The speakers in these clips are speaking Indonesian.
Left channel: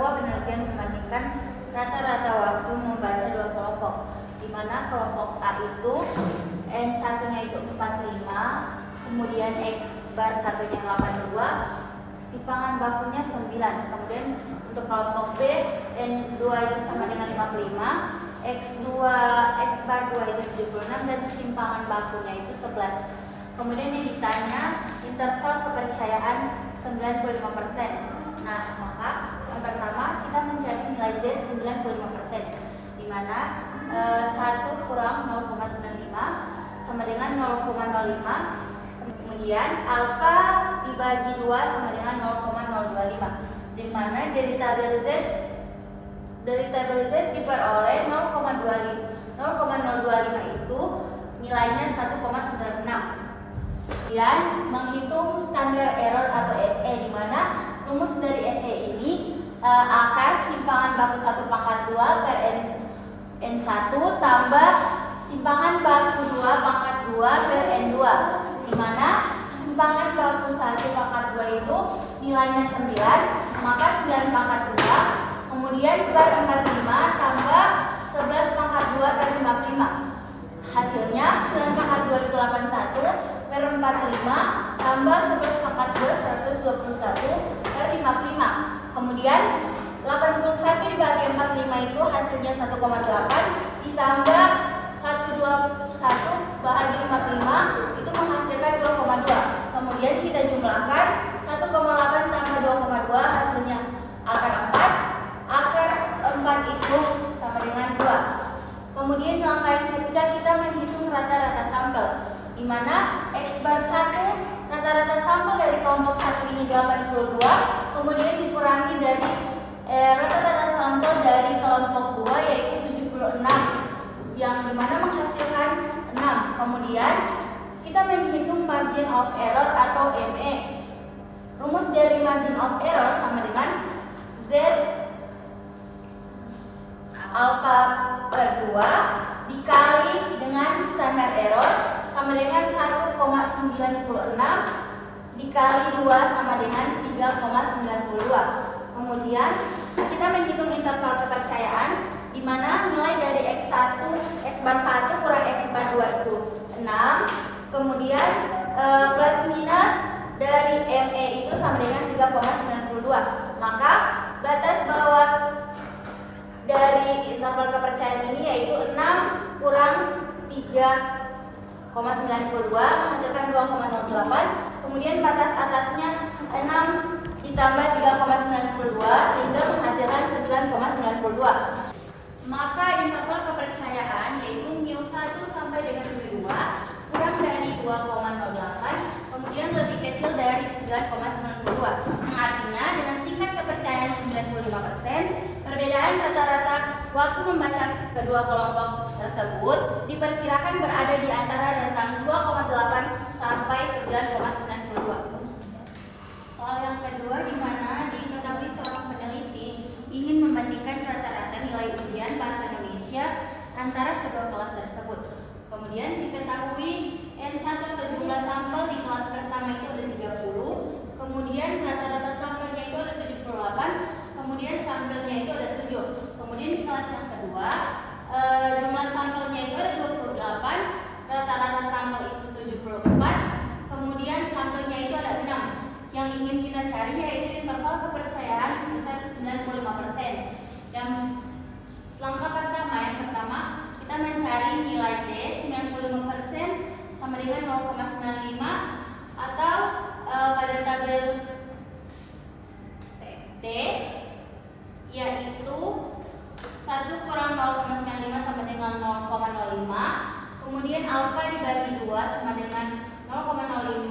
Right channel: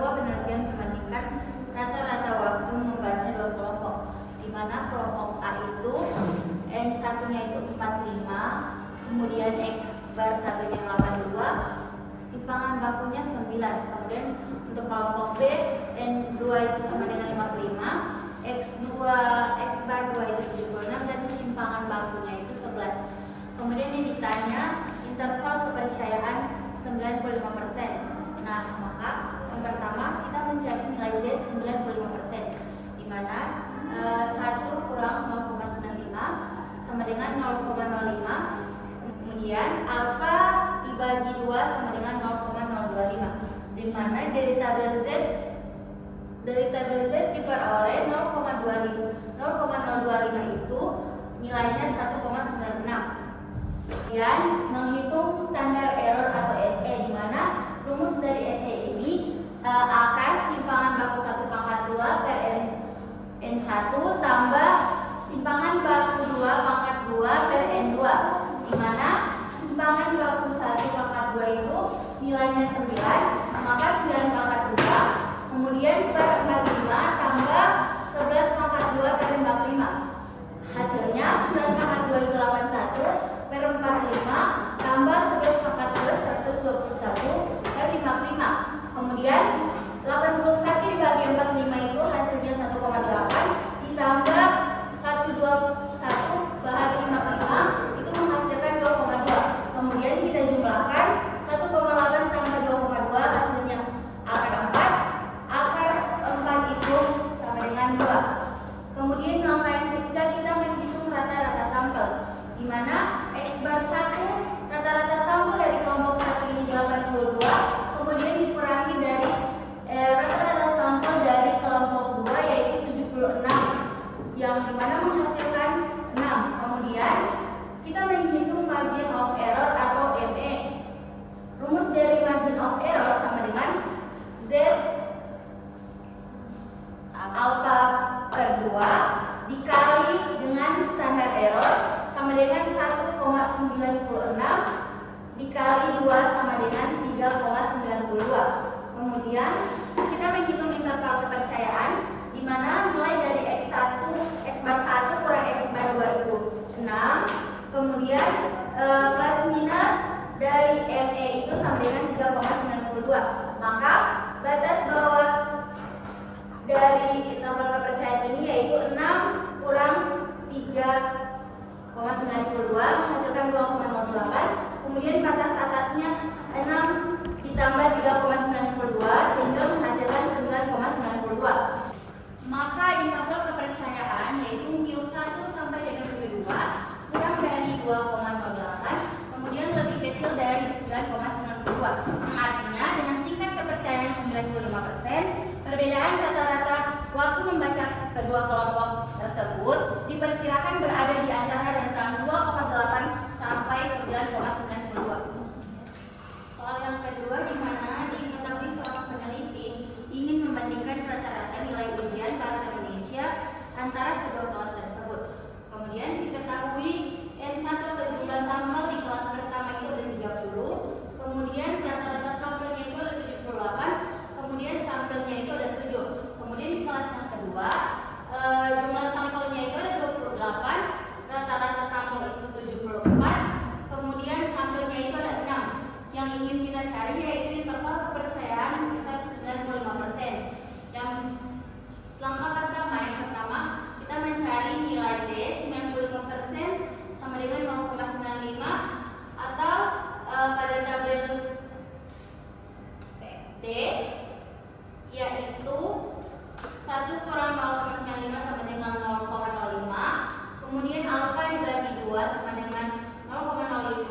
sebuah penelitian membandingkan rata-rata waktu membaca dua kelompok, di mana kelompok A itu N1-nya itu 45, kemudian X bar satunya 82, simpangan bakunya 9. Kemudian untuk kelompok B, N2 itu sama dengan 55, X bar 2 itu 76, dan simpangan bakunya itu 11. Kemudian yang ditanya interval kepercayaan 95%. Nah, maka yang pertama kita mencari nilai Z 95%, di mana 1 kurang 0,95 sama dengan 0,05. Kemudian alfa dibagi 2 sama dengan 0,025, di mana dari tabel Z diperoleh 0,025 itu nilainya 1,96. Kemudian menghitung standar error atau SE, di mana rumus dari SE ini akar simpangan baku 1 pangkat 2 per N1 tambah simpangan baku 2 pangkat 2 per N2, di mana simpangan baku 1 pangkat 2 itu nilainya 9, maka 9 pangkat 2, kemudian per 45 tambah 11 pangkat 2 per 55. Hasilnya 9 pangkat 2 itu 81 per 45 tambah 11 pangkat 2 121 per 55. Kemudian 81 dibagi 45 itu hasilnya 1,8 ditambah 121 bahagi 55 itu menghasilkan 2,2. Kemudian kita jumlahkan 1,8 tambah 2,2 hasilnya akar 4. Akar 4 itu sama dengan 2. Kemudian langkah yang ketiga kita menghitung rata-rata sampel, di mana X bar 1 rata-rata sampel dari kelompok 1 ini 82, kemudian dikurangi dari rata-rata sampel dari kelompok 2 yaitu 76, yang dimana menghasilkan 6. Kemudian kita menghitung margin of error atau ME. Rumus dari margin of error sama dengan Z alfa per 2 dikali dengan standar error sama dengan 1,96 dikali 2 sama dengan 3,92. Kemudian kita menghitung interval kepercayaan, di mana nilai dari X bar 1 kurang X bar 2 itu 6. Kemudian plus minus dari ME itu sama dengan 3,92. Maka batas bawah dari interval kepercayaan ini yaitu 6 kurang 3,92 menghasilkan 2,08. Kemudian batas atasnya 6 ditambah 3,92 sehingga menghasilkan 9,92. Maka interval kepercayaan yaitu mu1 sampai dengan mu2 kurang dari 2,08, kemudian lebih kecil dari 9,92. Yang artinya dengan tingkat kepercayaan 95%, perbedaan rata-rata waktu membaca kedua kelompok tersebut diperkirakan berada di antara rentang 2,8 sampai 9,92. Soal yang kedua, di mana diketahui seorang peneliti ingin membandingkan rata-rata nilai ujian bahasa Indonesia antara kedua kelas tersebut. Kemudian diketahui N1 atau jumlah sampel di kelas pertama itu ada 30, kemudian rata-rata sampelnya itu ada 78, kemudian sampelnya itu ada 7. Kemudian di kelas yang kedua jumlah sampelnya itu ada 28, rata-rata sampel itu 74, kemudian sampelnya itu ada 6. Yang ingin kita cari yaitu interval kepercayaan sebesar 95%. Yang langkah pertama, kita mencari nilai T 95% sama dengan 0,95 atau pada tabel T yaitu 1 kurang 0,95 sama dengan 0,05. Kemudian alfa dibagi 2 sama dengan 0,05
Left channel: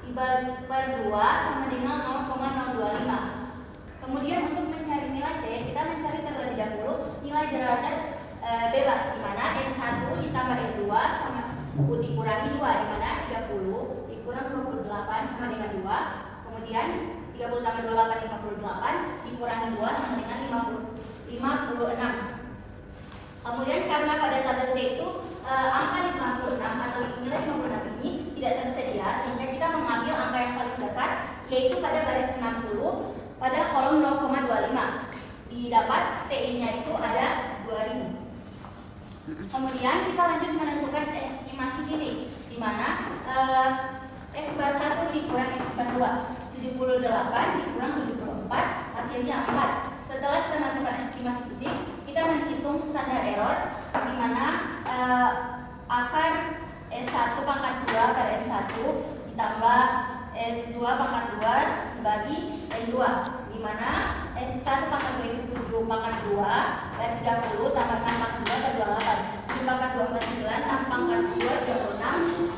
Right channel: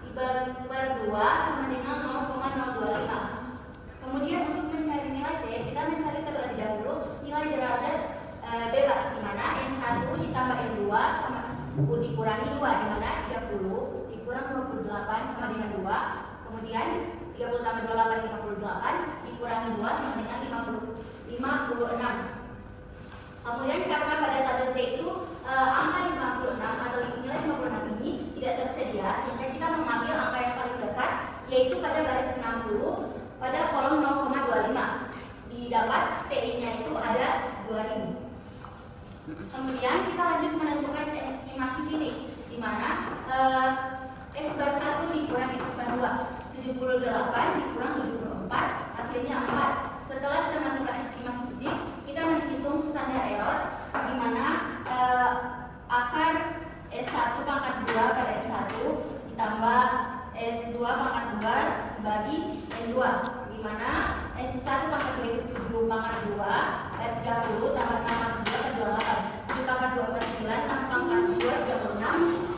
dibagi per 2 sama dengan 0,025. Kemudian untuk mencari nilai T, kita mencari terlebih dahulu nilai derajat bebas, di mana N1 ditambah N2 sama dikurangi 2, di mana 30 dikurang 28 sama dengan 2. Kemudian 30 tambah 28 58 dikurangi 2 sama dengan 56. Kemudian karena pada tabel T itu angka 56 atau nilai 56 ini tidak tersedia, sehingga kita mengambil angka yang paling dekat yaitu pada baris 60. pada kolom 0,25. Didapat TI-nya itu ada 2000. Kemudian kita lanjut menentukan estimasi titik, di mana X bar 1 dikurang X bar 2, 78 dikurang 74, hasilnya 4. Setelah kita menentukan estimasi titik, kita menghitung standar error, di mana akar S1 pangkat 2 per N1 ditambah S2 pangkat 2 dibagi N2, di mana S1 pangkat 2 itu 7 pangkat 2 per 30 tambah 6 pangkat 2 per 28, 7 pangkat 2 per 9, 6 pangkat 2 36,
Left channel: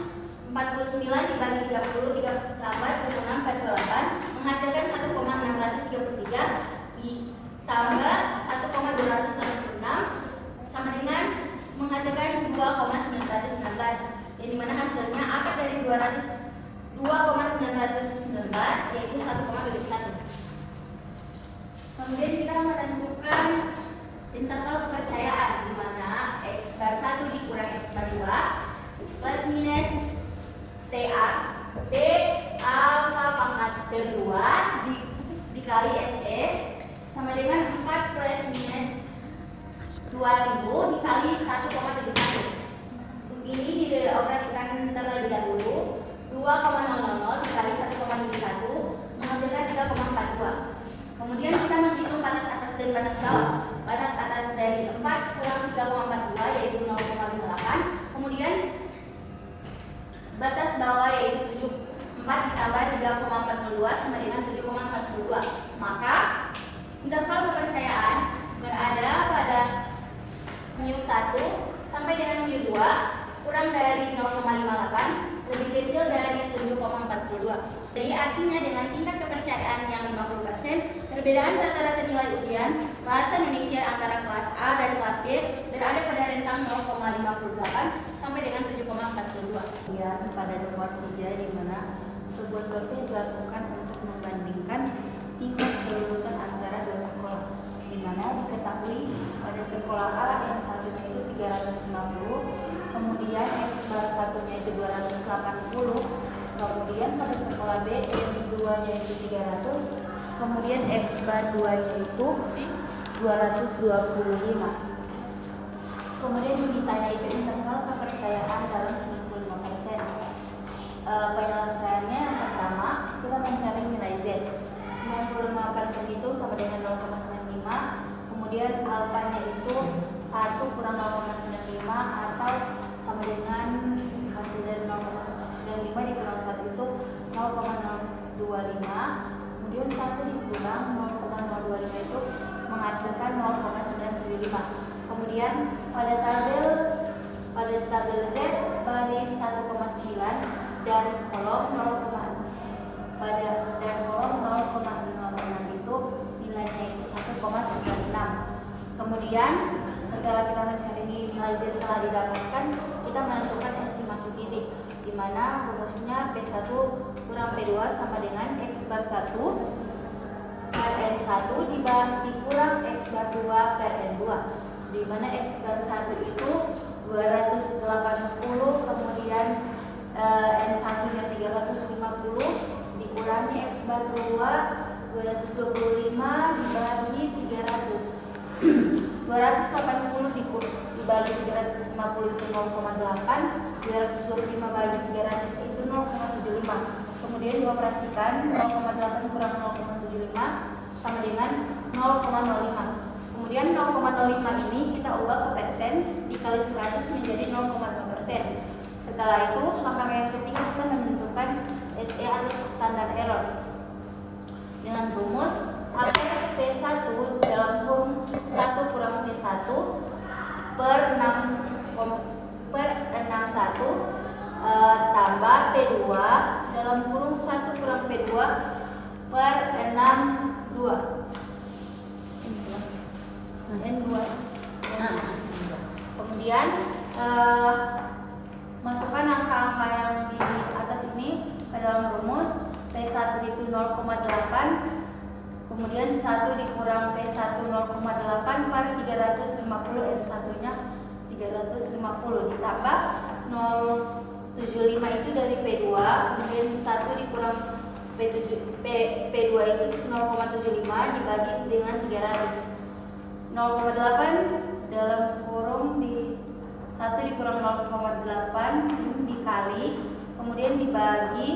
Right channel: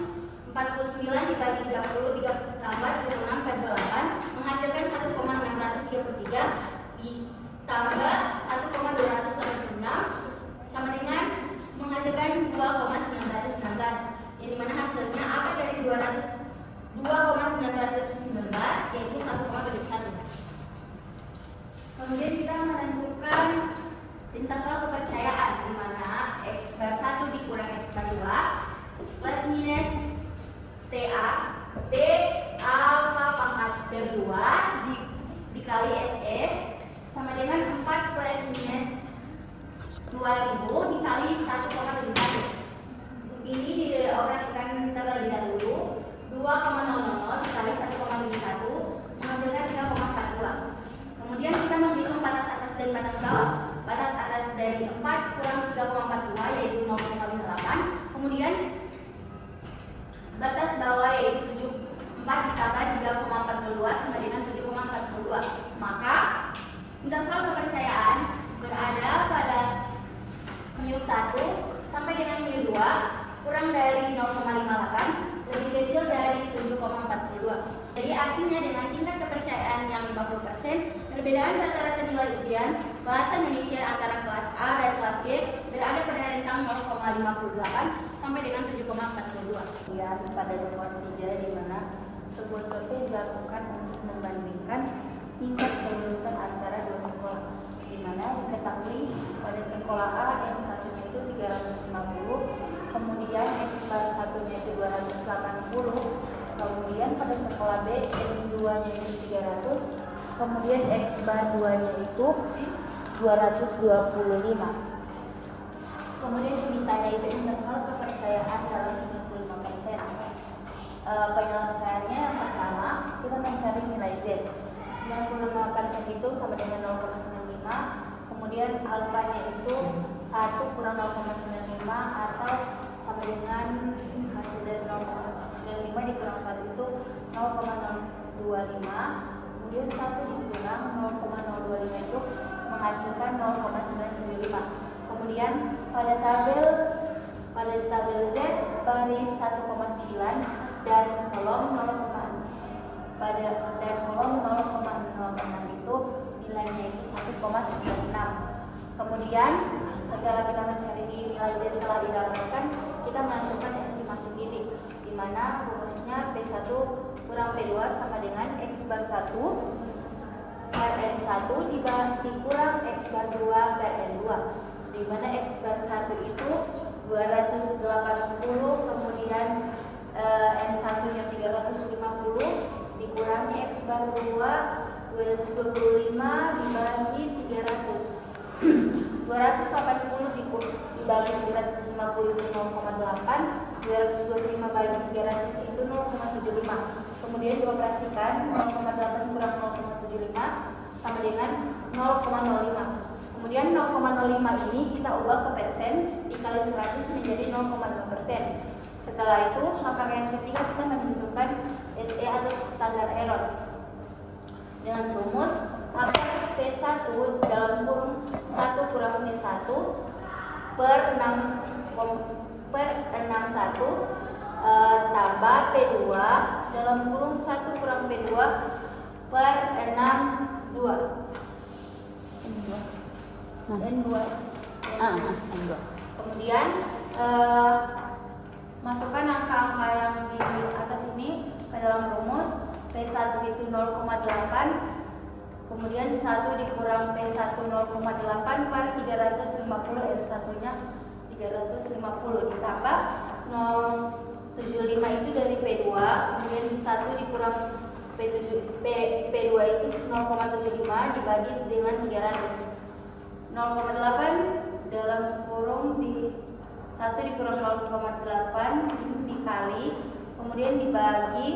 49 dibagi 30 tambah 36 per 28 menghasilkan 1,633 ditambah 1,296 sama dengan menghasilkan 2,919, yang dimana hasilnya akar dari 2,919 yaitu 1,71. Kemudian kita menentukan interval kepercayaan, di mana X bar 1 dikurang X bar 2 plus minus TA B alfa pangkat per 2 dikali SE sama dengan 4 plus minus 2000 dikali 1,71. Ini dioperasikan terlebih dahulu. 2,00 dikali 1,71 menghasilkan 3,42. Kemudian kita menghitung batas atas dan batas bawah. Batas atas dari 4 kurang 3,42 yaitu 0,58. Kemudian batas bawah yaitu 74 ditambah 3,42 sama dengan 7,42. Maka interval kepercayaan berada pada mu 1 sampai dengan mu 2 kurang dari 0,58 lebih kecil dari 7,42. Jadi artinya dengan tingkat kepercayaan yang 50%, perbedaan rata-rata nilai ujian bahasa Indonesia antara kelas A dan kelas B berada pada rentang 0,58 sampai dengan 7,42. Ya, pada nomor 3 di mana sebuah survei dilakukan untuk membandingkan tingkat kelulusan antara dua sekolah, di mana diketahui pada sekolah A N satunya itu 350, kemudian X bar satunya itu 280, kemudian pada sekolah B N2 nya itu 300, kemudian X bar 2 nya itu 225. Kemudian ditanya itu interval kepercayaan dalam 95%. Penyelesaiannya yang pertama kita mencari nilai Z. 95% itu sama dengan 0,95, kemudian alfanya itu 1 kurang 0,95 atau sama dengan hasil dari 0,95 dikurang 1 itu 0,025, kemudian 1 dikurang 0,025 itu menghasilkan 0,975. Kemudian pada tabel Z baris 1,9 dan kolom 0,06 itu nilainya itu 1,96. Kemudian setelah kita mencari nilai Z telah didapatkan, kita menentukan estimasi titik, di mana rumusnya P1 kurang P2 sama dengan X bar 1 per N1 dikurang X bar 2 per N2, di mana X bar 1 itu 280, kemudian N1 nya 350 dikurangi X bar 2 225 dibagi 300. 280 dibagi 350 itu 0,8, 225 bagi 300 itu 0,75. Kemudian dioperasikan 0,8 kurang 0,75 sama dengan 0,05. Kemudian 0,05 ini kita ubah ke persen dikali 100 menjadi 0,5%. Setelah itu langkah yang ketiga kita menentukan SE atau standar error dengan rumus akar P1 dalam kurung 1 kurang P1 per 61 tambah P2 dalam kurung 1 kurang P2 per 62 N2. Kemudian masukkan angka-angka yang di atas ini ke dalam rumus. P1 itu 0,8, kemudian 1 dikurang P1 0,8 per 350, N1 nya 350 ditambah 0,75 itu dari P2, kemudian 1 dikurang P P2 itu 0,75 dibagi dengan 300. 0,8 dalam kurung di 1 dikurang 0,8 ini dikali, kemudian dibagi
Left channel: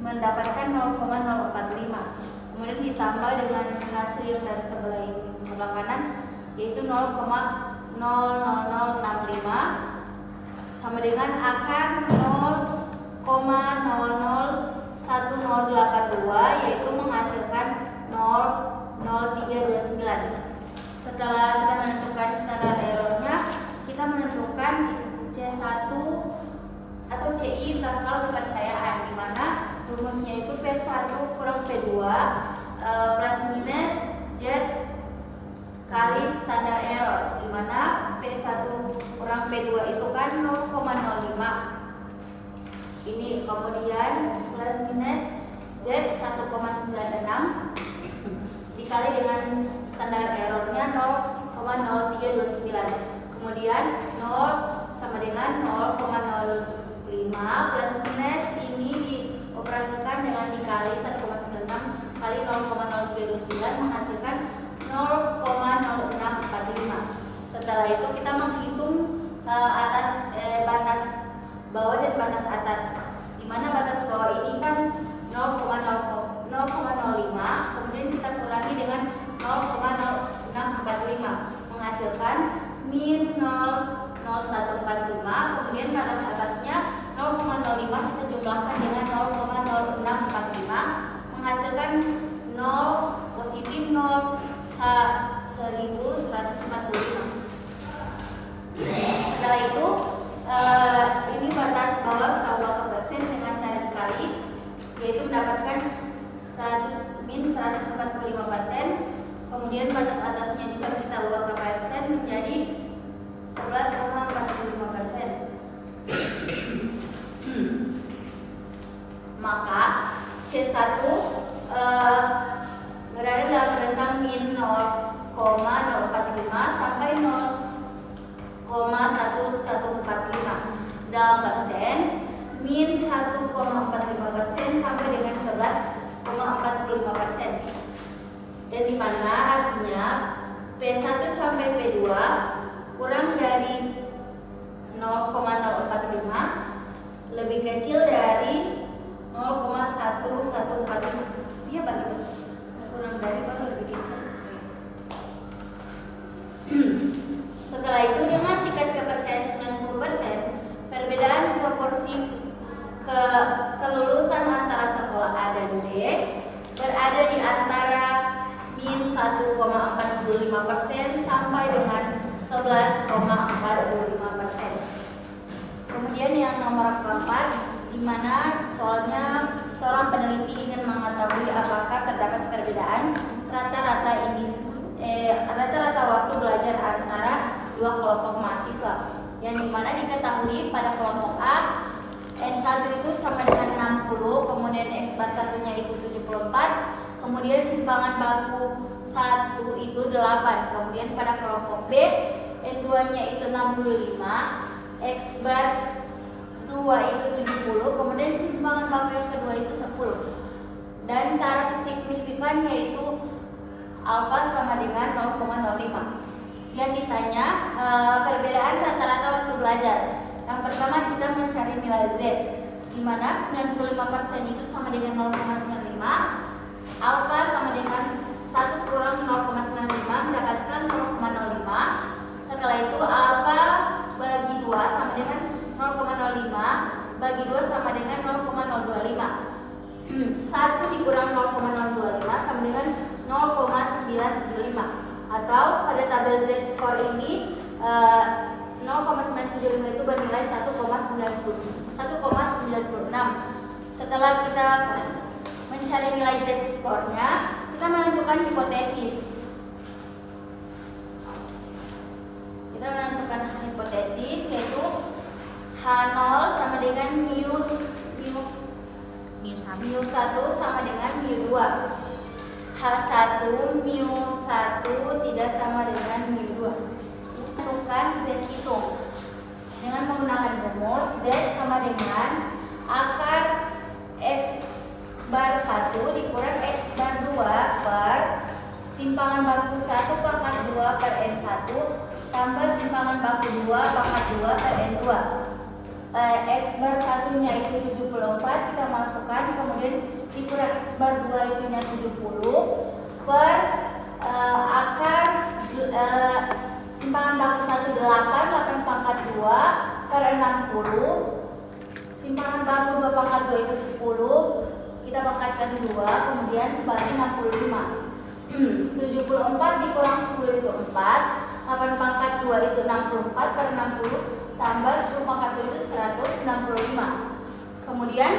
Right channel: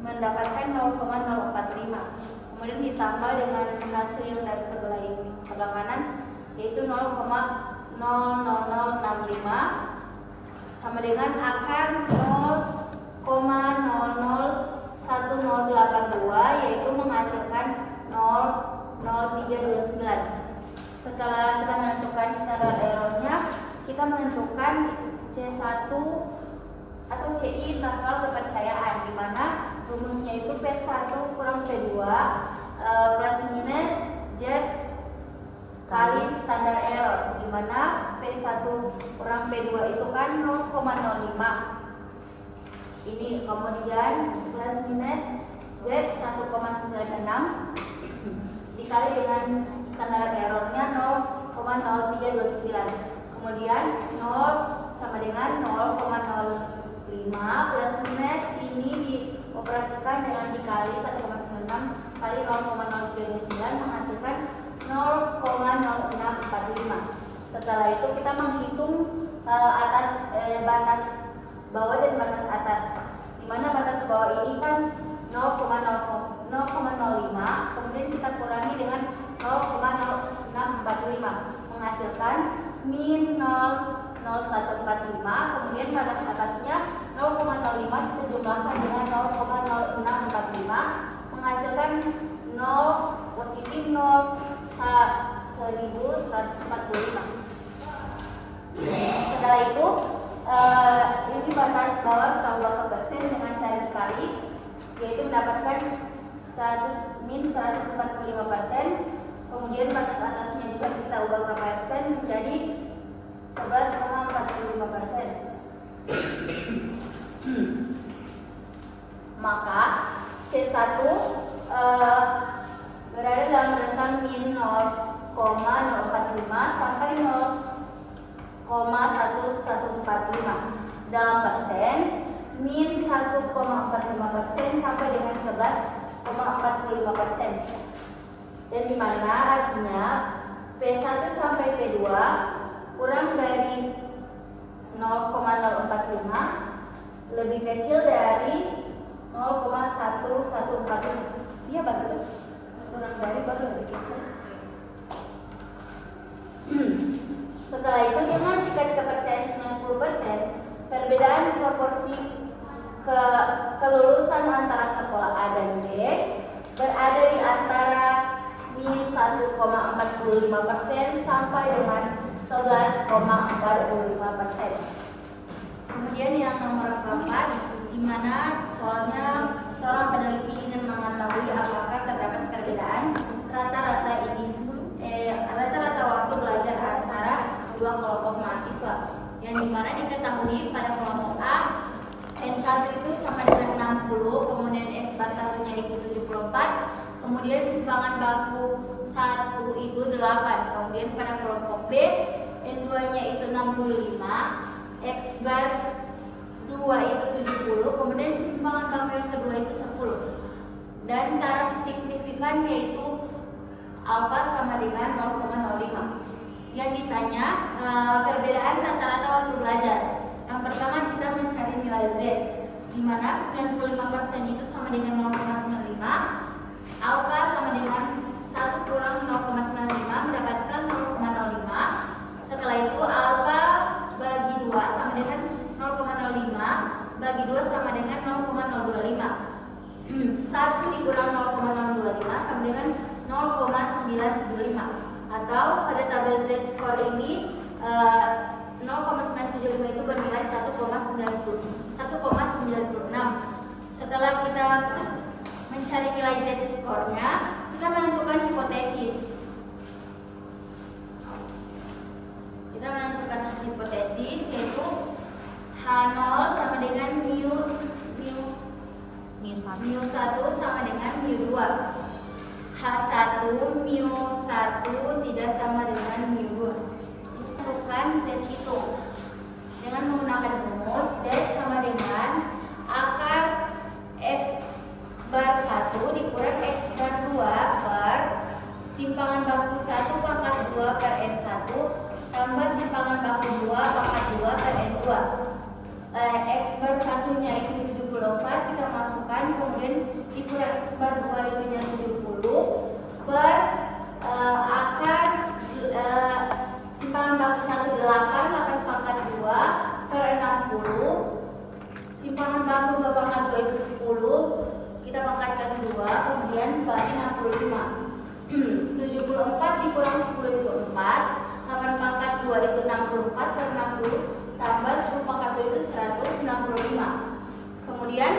mendapatkan 0,045. Kemudian ditambah dengan hasil yang dari sebelah kanan yaitu 0,00065 sama dengan akar 0,001082 yaitu menghasilkan 0,0329. Setelah kita menentukan standar errornya, kita menentukan C1 atau CI interval kepercayaan, di mana rumusnya itu P1 kurang P2 plus minus Z kali standar error, di mana P1 kurang P2 itu kan 0,05. Ini kemudian plus minus Z 1,96 dikali dengan standar errornya 0,0329. Kemudian 0 sama dengan 0,05 plus minus ini dioperasikan dengan dikali 1,96 kali 0,0329 menghasilkan 0,0645. Setelah itu kita menghitung batas bawah dan batas atas, di mana batas bawah ini kan 0,05, kemudian kita kurangi dengan 0,0645 menghasilkan min 0,0145, kemudian batas atasnya 0,05 kita jumlahkan dengan 0,0645 menghasilkan 0 positif 0,1145. Setelah itu ini batas bawah kita buat ke persen dengan cara dikali, yaitu mendapatkan min 145%. Kemudian batas atasnya juga kita ubah ke persen menjadi 11,45%. Maka C1 berada dalam rentang min 0,045 sampai 0,1145. Dalam persen, min 1,45% sampai dengan 11,45%. Dan di mana artinya P1 sampai P2 kurang dari 0,045 lebih kecil dari 0,1145. Iya begitu. Kurang dari baru lebih kecil. Setelah itu dengan tingkat kepercayaan 90%, perbedaan proporsi kelulusan antara sekolah A dan B berada di antara min 1,45% sampai dengan 11,45%. Kemudian yang nomor keempat, di mana soalnya seorang peneliti ingin mengetahui apakah terdapat perbedaan rata-rata waktu belajar antara dua kelompok mahasiswa, yang dimana diketahui pada kelompok A N1 itu sama dengan 60, kemudian X bar 1-nya itu 74, kemudian simpangan baku 1 itu 8, kemudian pada kelompok B N2-nya itu 65, X bar 2 itu 70, kemudian simpangan baku yang kedua itu 10, dan taraf signifikan yaitu alfa sama dengan 0,05. Yang ditanya perbedaan rata-rata waktu belajar. Yang pertama kita mencari nilai Z, di mana 95% itu sama dengan 0,95, alfa sama dengan 1 kurang 0,95 mendapatkan 0,05. Setelah itu alfa bagi 2 sama dengan 0,05 bagi 2 sama dengan 0,025. 1 dikurang 0,025 sama dengan 0,975. Atau pada tabel Z score ini 0,975 itu bernilai 1,96. Setelah kita mencari nilai Z score-nya, kita menentukan hipotesis. Kita menentukan hipotesis yaitu H0 sama dengan mu 1 sama dengan mu 2. H1 mu 1 tidak sama dengan mu 2. Tentukan Z hitung dengan menggunakan rumus Z sama dengan akar X bar bar 1 dikurang X bar 2 per simpangan baku 1 pangkat 2 per N1 tambah simpangan baku 2 pangkat 2 per N2. X bar 1-nya itu 74 kita masukkan, kemudian dikurang X bar 2 itunya 70 per akar simpangan baku 1 8 pangkat 2 per 60, simpangan baku 2 pangkat 2 itu 10, kita pangkatkan 2, kemudian bagi 65. 74 dikurang 10 itu 4, 8 pangkat 2 itu 64 per 60 tambah 10 pangkat 2 itu 165. Kemudian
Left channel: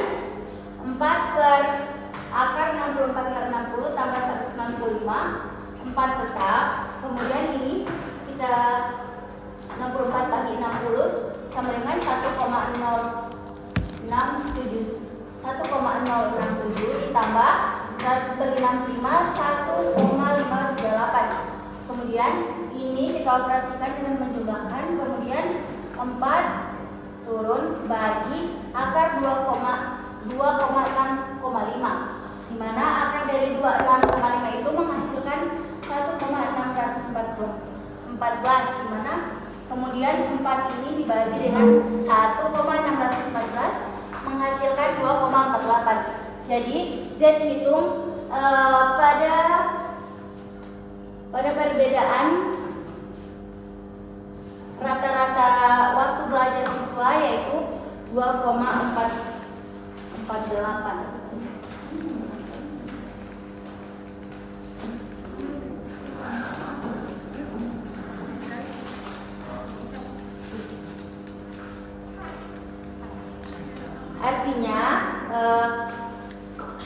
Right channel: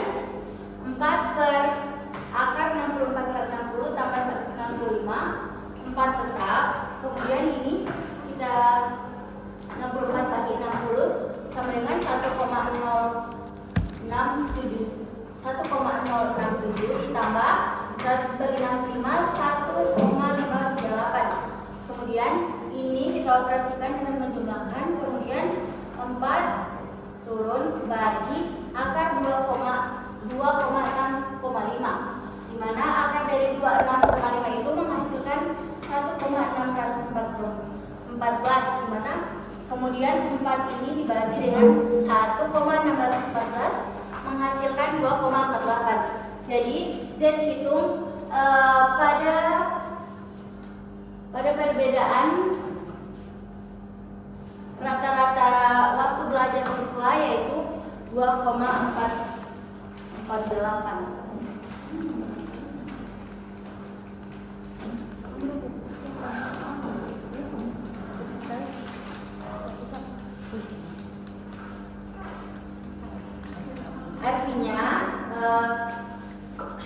4 per akar 64 per 60 tambah 195, 4 tetap. Kemudian ini kita 64 bagi 60 sama dengan 1,067 ditambah 100 bagi 65 1,538. Kemudian ini kita operasikan dengan menjumlahkan, kemudian 4 turun bagi akar 2,6,5, di mana akar dari 26,5 itu menghasilkan 1,614, di mana kemudian 4 ini dibagi dengan 1,614 menghasilkan 2,48. Jadi Z hitung pada perbedaan rata-rata waktu belajar siswa yaitu 2,448. Artinya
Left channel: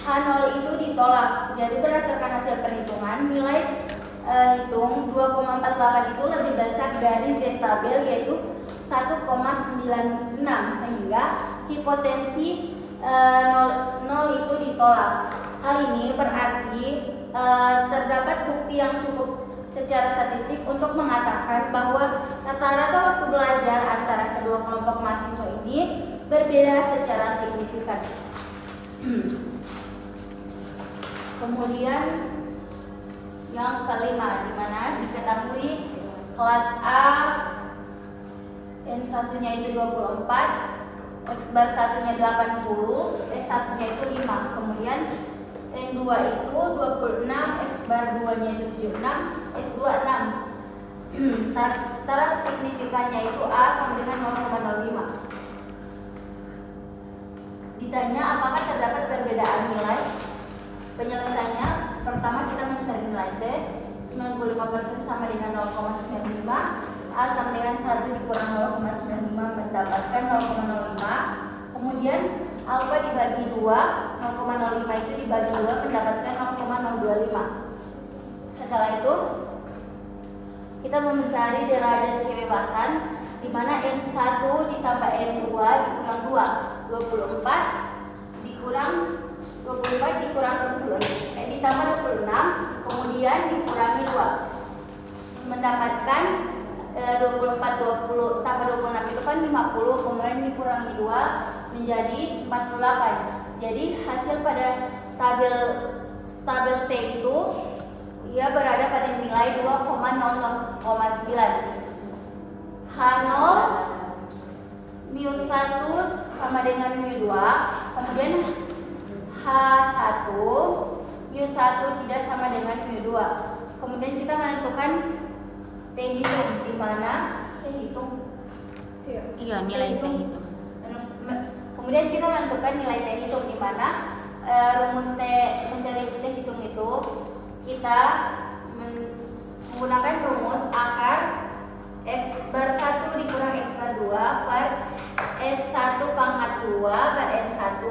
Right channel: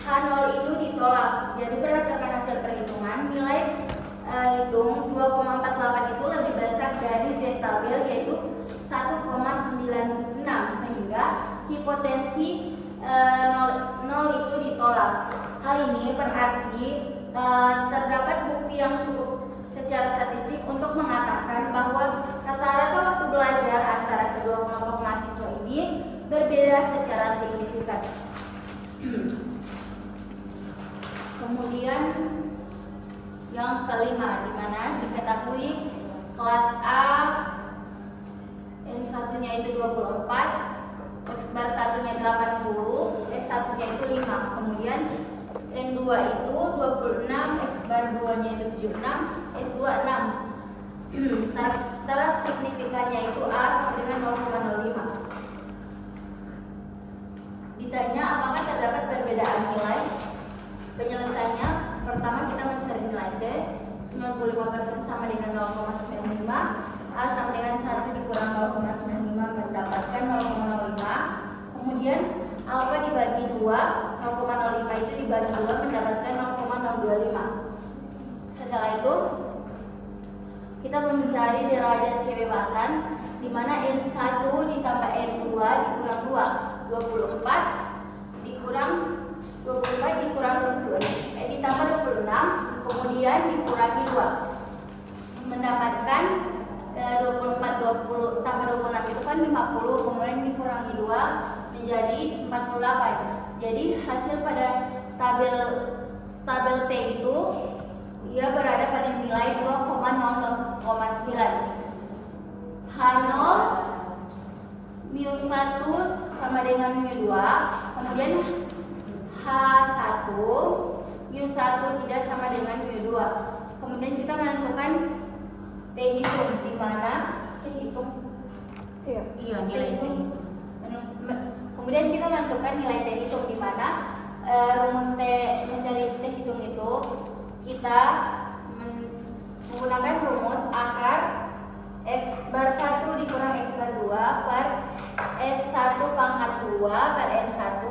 H0 itu ditolak. Jadi berdasarkan hasil perhitungan, nilai hitung 2,48 itu lebih besar dari Z tabel yaitu 1,96, sehingga hipotensi 0 itu ditolak. Hal ini berarti terdapat bukti yang cukup secara statistik untuk mengatakan bahwa rata-rata waktu belajar antara kedua kelompok mahasiswa ini berbeda secara signifikan. Kemudian yang kelima, di mana diketahui kelas A N1-nya itu 24, X bar 1-nya 80, S1-nya itu 5. Kemudian N2 itu 26, X bar 2-nya itu 76, S2 6. Taraf signifikannya itu A sama dengan 0,05. Ditanya apakah terdapat perbedaan nilai? Penyelesaiannya, pertama kita mencari nilai T, 95% sama dengan 0,95, A sama dengan 1 dikurang 0,95 mendapatkan 0,05. Kemudian alfa dibagi 2, 0,05 itu dibagi 2 mendapatkan 0,025. Setelah itu kita mencari derajat kebebasan, di mana N1 ditambah N2 dikurang 2, 24 dikurang 20, ditambah 26, kemudian dikurangi 2 mendapatkan 24 20 tambah 26 itu kan 50, kemudian dikurangi 2 menjadi 48. Jadi hasil pada tabel T itu ia berada pada nilai 2,00,9. H0 mu 1 sama dengan mu 2, kemudian H1 mu 1 tidak sama dengan mu 2. Kemudian kita menentukan T hitung, di mana T hitung iya nilai T hitung. Kemudian kita menentukan nilai T hitung, di mana rumus T mencari T hitung itu kita menggunakan rumus akar X bar 1 dikurang X bar 2 per S1 pangkat 2 per N1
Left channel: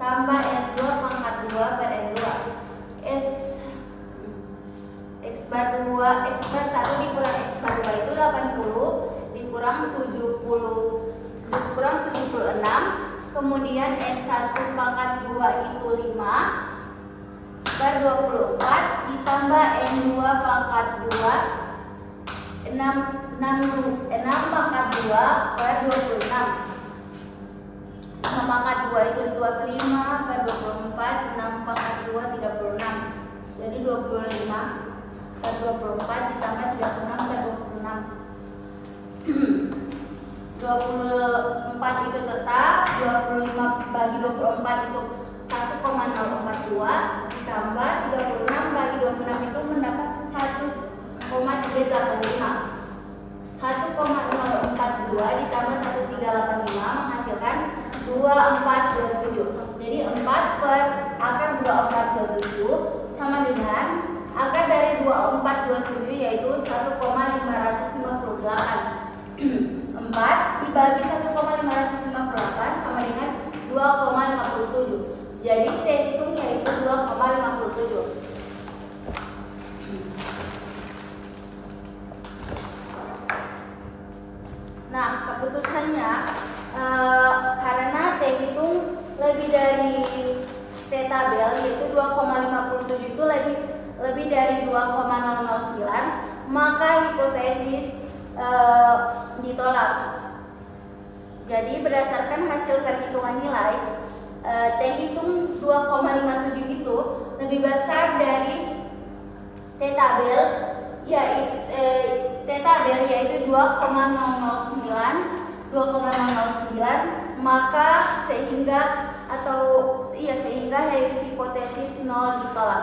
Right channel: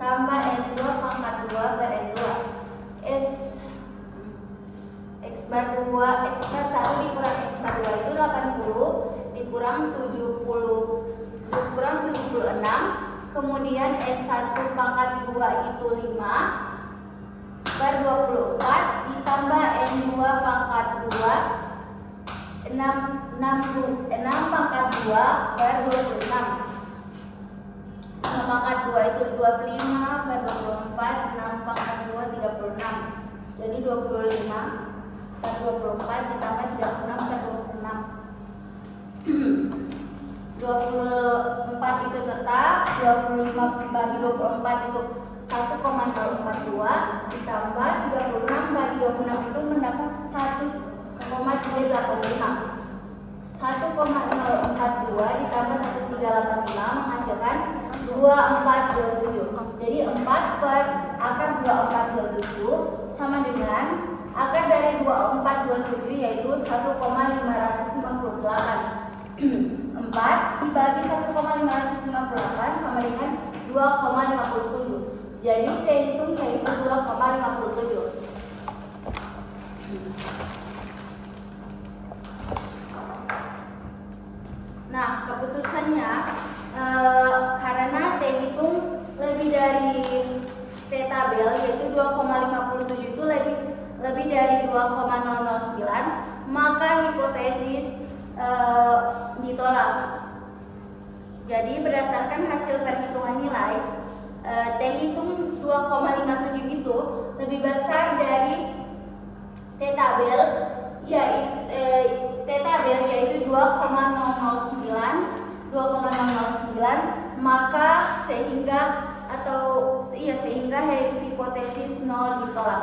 tambah S2 pangkat 2 per N2. X bar 1 dikurang X bar 2 itu 80 dikurang 76, kemudian S1 pangkat 2 itu 5 per 24 ditambah N2 pangkat 2 6 pangkat 2 per 26. 5 pangkat 2 itu 25 per 24, 6 pangkat 36. Jadi 25 per 24 ditambah 36 per 26. 24 itu tetap, 25 bagi 24 itu 1,042 ditambah 36 bagi 26 itu mendapat 1,385. 1,042 ditambah 1385 menghasilkan 2427. Jadi 4 per akar 2427 sama dengan akar dari 2427 yaitu 1,558. 4 dibagi 1,558 sama dengan 2,57. Jadi T hitung yaitu 2,57. Nah, keputusannya karena T hitung lebih dari T tabel yaitu 2,57 itu lebih dari 2,009, maka hipotesis ditolak. Jadi berdasarkan hasil perhitungan nilai T hitung 2,57 itu lebih besar dari T tabel yaitu 2,009, maka sehingga hipotesis 0 ditolak.